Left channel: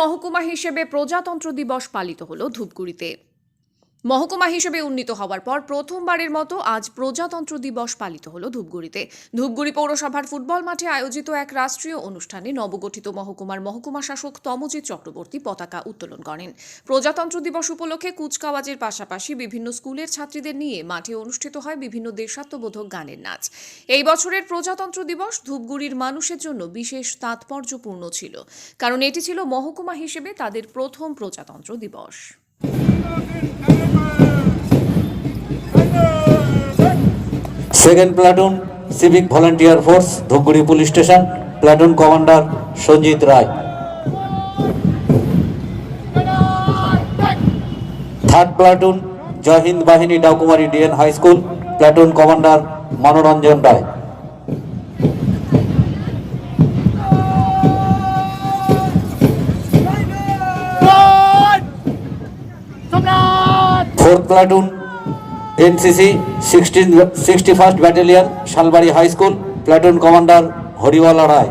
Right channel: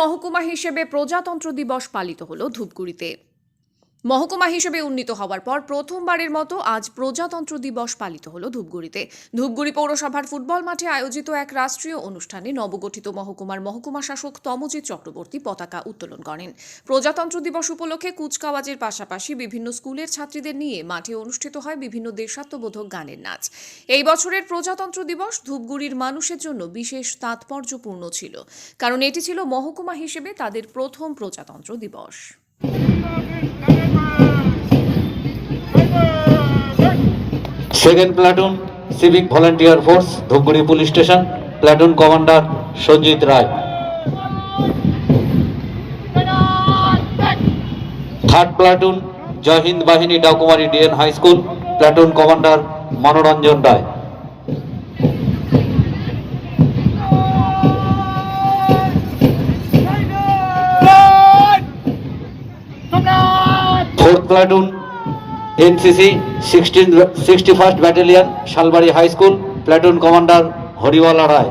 মহকুমা হিসেবে প্রজাতন্ত্র দিবস পালিত হলো ধূপগুড়িতে। মহকুমা হিসেবে উন্নীত হওয়ার পর প্রথমবারের মতো আজ প্রজাতন্ত্র দিবস পালিত হলো ধূপগুড়িতে। ধূপগুড়ি পৌরসভার ফুটবল মাঠে আয়োজিত এক রাষ্ট্রীয় অনুষ্ঠানে নবগঠিত মহকুমার মহকুমা শাসক তমজিৎ চক্রবর্তী পতাকা উত্তোলন করেন। প্রজাতন্ত্র দিবস উপলক্ষে কুচকাওয়াজের পাশাপাশি বিভিন্ন স্কুলের ছাত্রীদের নিয়ে মাঠে অনুষ্ঠিত হয় বিভিন্ন দেশাত্মবোধক গানের নাচ। এই বছরের প্রজাতন্ত্র দিবস ধূপগুড়ির মানুষের জন্য বিশেষ তাৎপর্যপূর্ণ ছিল, কারণ এটি ছিল মহকুমা হিসেবে তাদের প্রথম প্রজাতন্ত্র দিবস। Second platoon civic volunteer force Dhupguri police station, platoon commander Sanjit Roy. Third platoon Jai Hind বাহিনী Dakumari DN high school, platoon commander Manoranjan Roy. Fourth platoon NCC 61st battalion Salbari high school, platoon commander Hariwala Roy.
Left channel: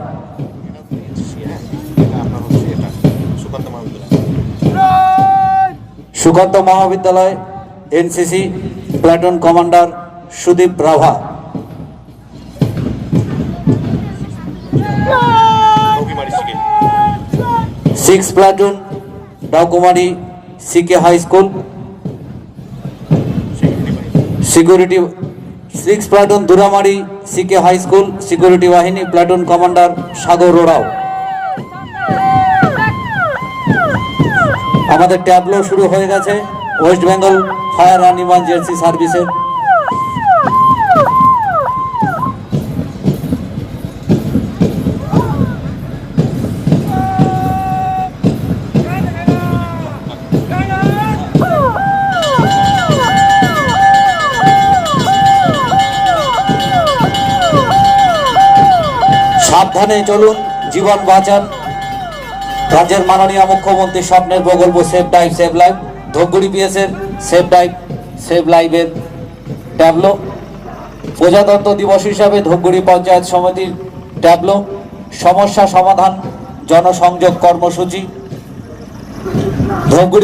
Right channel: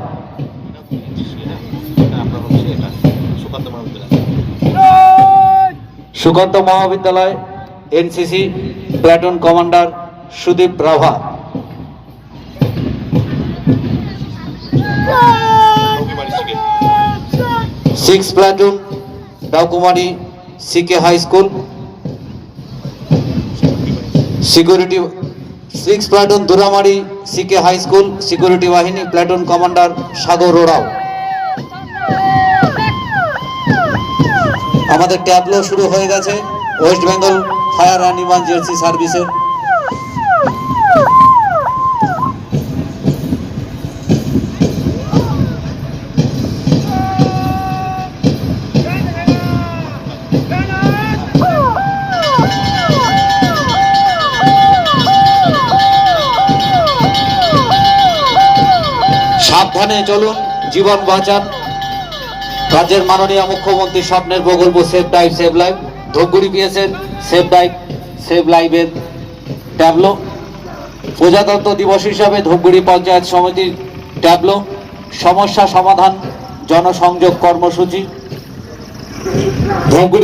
Sukanta মহাবিদ্যালয় NCC, platoon commander Sudip Rava. Six platoon Dakumari CK high school, security. Six platoon Duramari CK high school security বাহিনী, platoon commander Sagar Oraon. আমাদের tableau শুরু হয়ে গেছে West Bengal fire and emergency সার্ভিসের। সাবধানে চলুন, জীবন বাঁচান। রাজ্যের মাননীয় মুখ্যমন্ত্রী স্বপ্নের প্রকল্প safe drive save life, Dhupguri পিএসের সেভ ডাইভ সেভ লাইফের ট্যাবলো। প্রজাতন্ত্র দিবস হিসাবে ধূপগুড়ি পঞ্চায়েত সমিতির ট্যাবলো, সমস্যা সমাধান জনসংযোগ কর্মসূচি। ধূপগুড়ি